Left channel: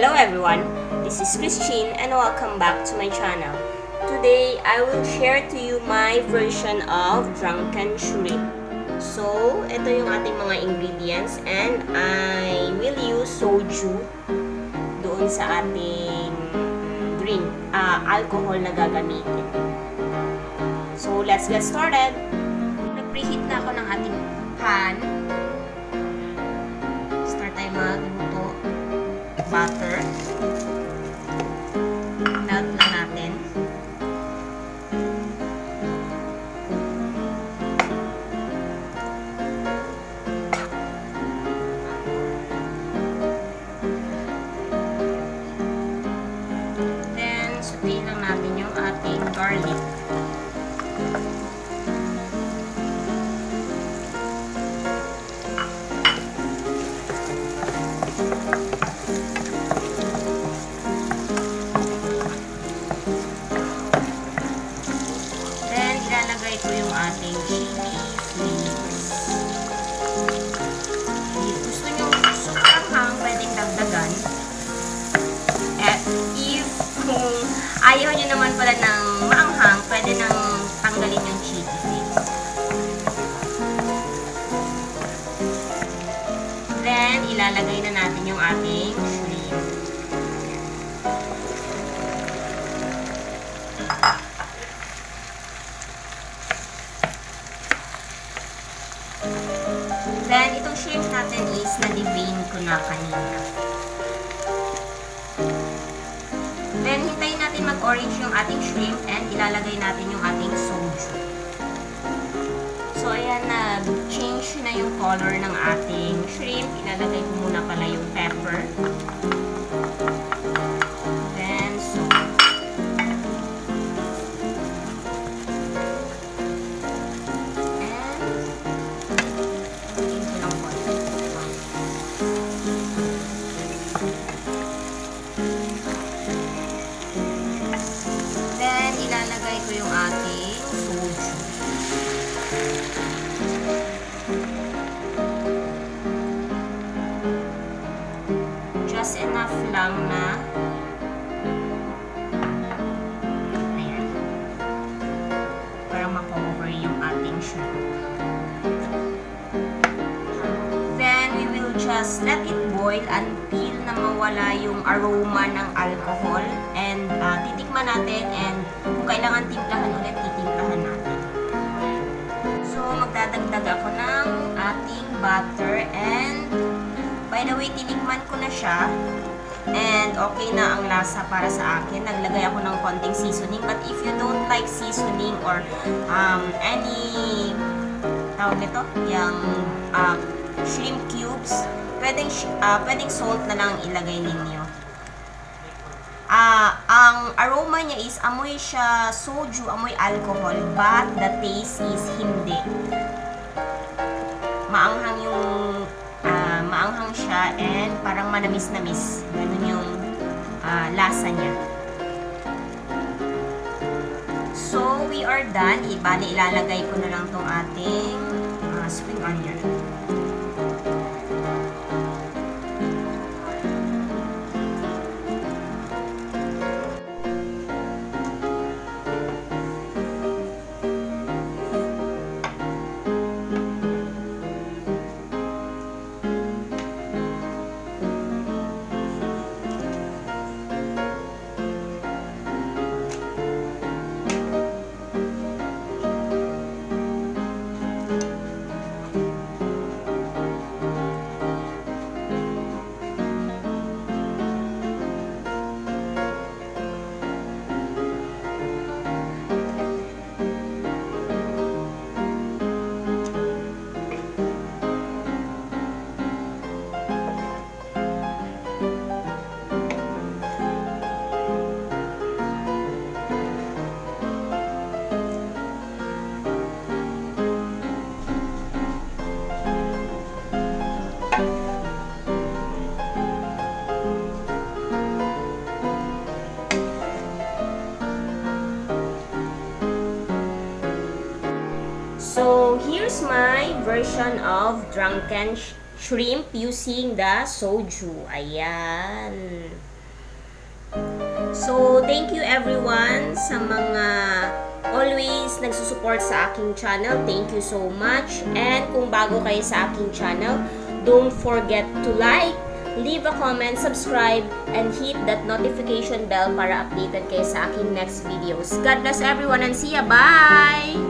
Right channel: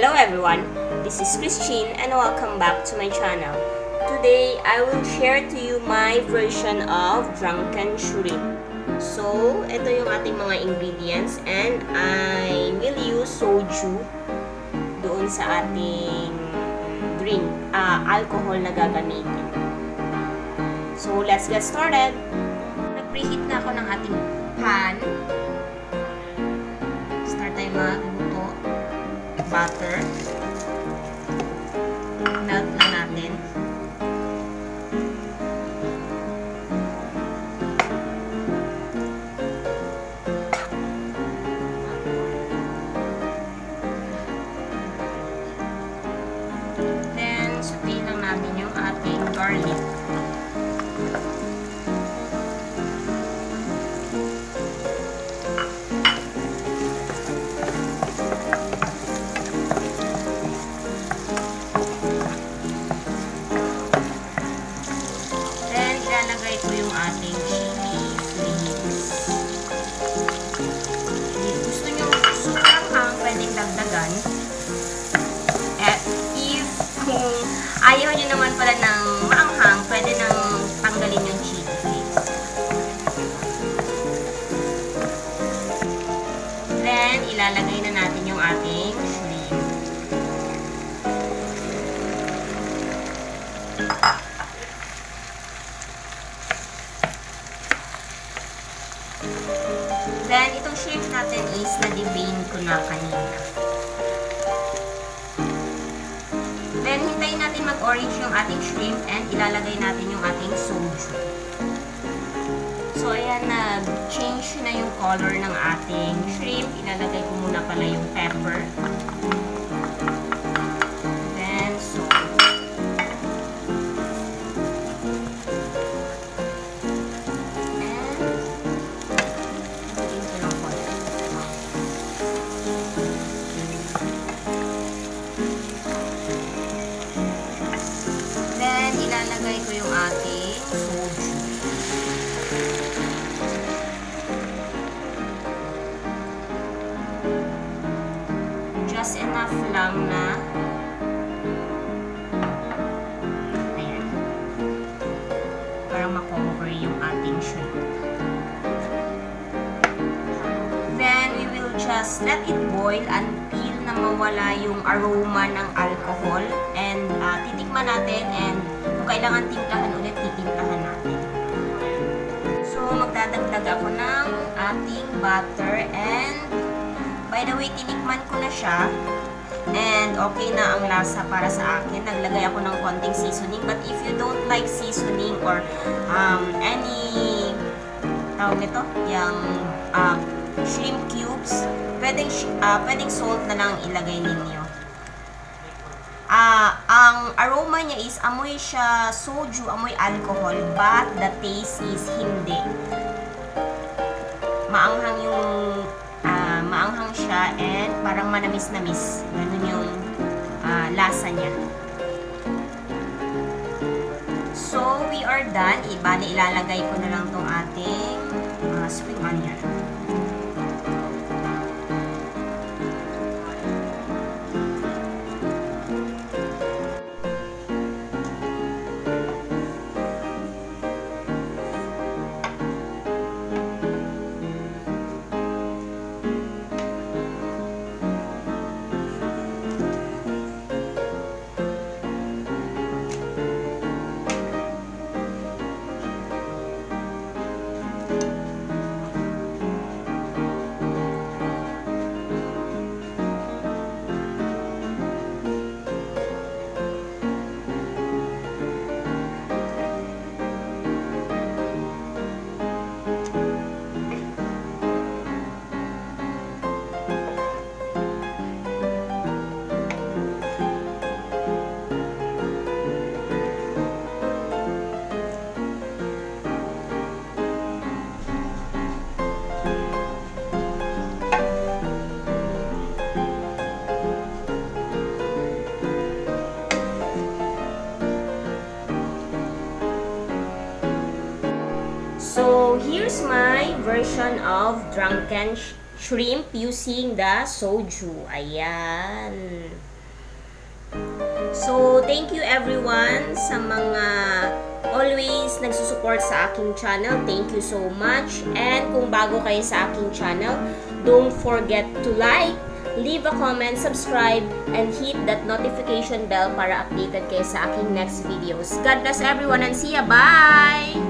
Hello everyone, this is Christine and welcome back to my channel. Today, I will share to you my version of drunken shrimp. So, ito yung ating mga ingredients and I will use soju doon sa ating alcohol na gagamitin. So, let's get started. Nag-preheat na ako ng ating pan. Start tayo magluto. Butter. Melt lang natin. Then, saute lang natin yung ating garlic. Then, ilalagay ko yung ating chili flakes. If gusto nyo sobrang hang, pwedeng dagdagan. At if kung ayaw nyo naman pala ng maanghang, pwede nang tanggalin yung chili flakes. Then, ilalagay na natin yung ating shrimp. Then, itong shrimp natin is na-devein ko na kanina. Then, hintayin natin mag-orange yung ating shrimp and ilalagay natin yung ating soju. So, ayan, nag-change na yung color ng ating shrimp. Ilalagay ko muna pala yung pepper. Then, salt. Then, ilalagay ko yung ating soju. Just enough lang na ayan. Para ma-cover yung ating shrimp. Then, we will just let it boil until na mawala yung aroma ng alcohol. And, titikman natin. And, kung kailangan timplahan ulit, titimplahan natin. So, magdadagdag ako ng ating butter. And, by the way, tinikman ko na siya. And, okay na ang lasa para sa akin. Naglagay ako ng konting seasoning. But, if you don't like seasoning or any tawag nito, yung shrimp cubes, pwedeng salt na lang ilagay ninyo. Ang aroma niya is amoy siya soju, amoy alcohol, but the taste is hindi. Maanghang siya and parang manamis-namis. Ganun yung lasa niya. So, we are done. Bali, ilalagay ko na lang tong ating spring onion. So, here's my version of drunken shrimp using the soju. Ayan. So, thank you everyone sa mga always nagsusupport sa aking channel. Thank you so much. And kung bago kayo sa aking channel, don't forget to like, leave a comment, subscribe, and hit that notification bell para updated kayo sa aking next videos. God bless everyone and see ya! Bye!